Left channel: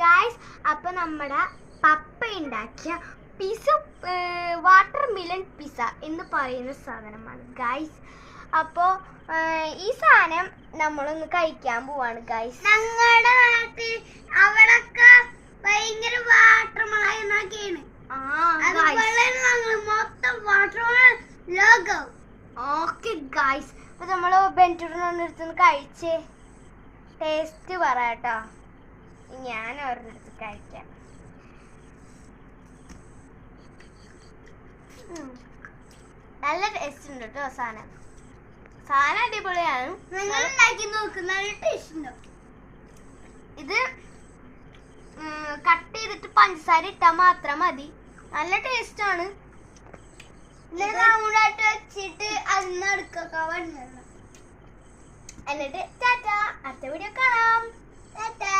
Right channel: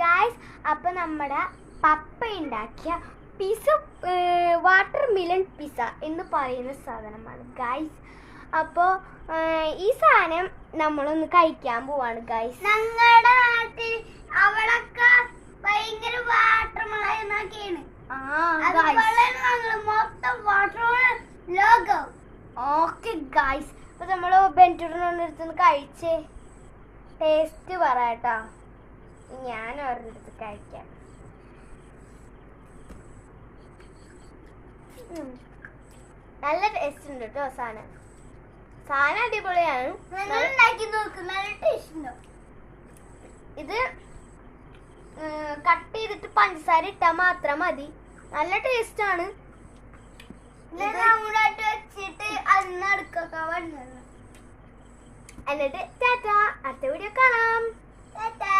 Guys, അപ്പൊ നമ്മുടെ പപ്പ ഉണ്ടാക്കിയ പിസ വാട്ടർ മിലൻ പിസ എന്ന് പറയുന്ന സാധനമാണ് ഗൈസ്. അപ്പോൾ ഈ സാധനം നമ്മളൊന്ന് കഴിക്കാൻ പോവാണ് ഗൈസ്. ഞങ്ങളുടെ നാട്ടിൽ അവിടൊക്കെ ഭയങ്കര വാട്ടർ മലൈ എന്നൊക്കെയാണ്. മൊത്തം വാട്ടർ ലോകം. ഓക്കെ ഗൈസ്, അപ്പൊ നമ്മള് ബെൻറ്റൂരിനടുത്ത് കഴിച്ചേ ടേസ്റ്റ് പറയാട്ടോ. ഞാൻ ഒരിടത്ത് കഴിക്കാം. നല്ല ടേസ്റ്റ് ഉണ്ട് കേട്ടോ. സാധനം അടിപൊളിയാണ്. ഇത് കട്ട് ചെയ്തിട്ട് പഞ്ചസാര ഇട്ടാൽ മാത്രം മതി. നല്ല ടേസ്റ്റ് ആണ്. വെച്ചിട്ട് എന്നിട്ട് ടാറ്റാ, അടുത്ത വീഡിയോ കാണാം. ടാറ്റാ.